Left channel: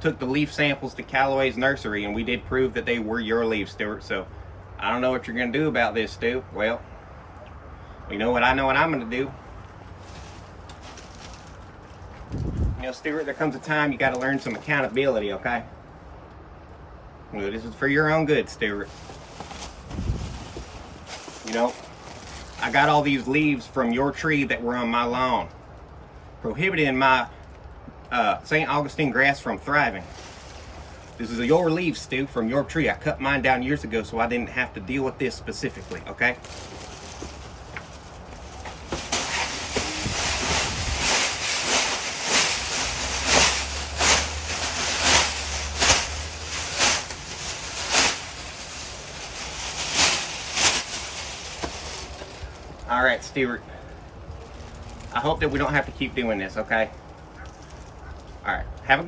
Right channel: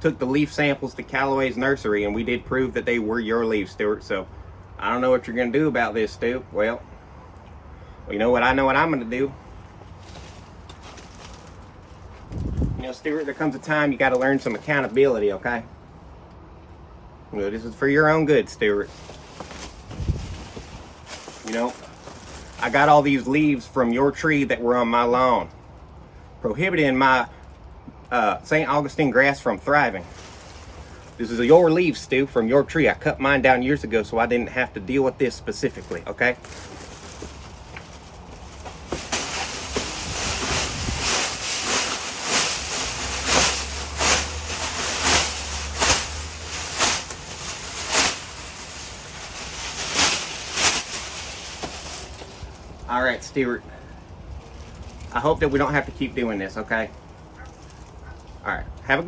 took the leaf samples to Callaway's nursery, and we did prove that they were your leaves, Stuart. So I don't know what you're gonna do about this, Stu. Well, you know what I know what I'm gonna do. You know, Stuart, there comes a time you got to learn some accountability, okay? You know, this is for your own good, Stuart. You know, I got all these leaves from your tree that were on my lawn, prohibiting my St. Augustine grass from thriving. This is your leaves, Stu, from your tree. I cut mine down years ago so I didn't have to deal with this specifically, okay? All right, Stuart. I hope that we don't have to keep doing this, okay? All right. Have a good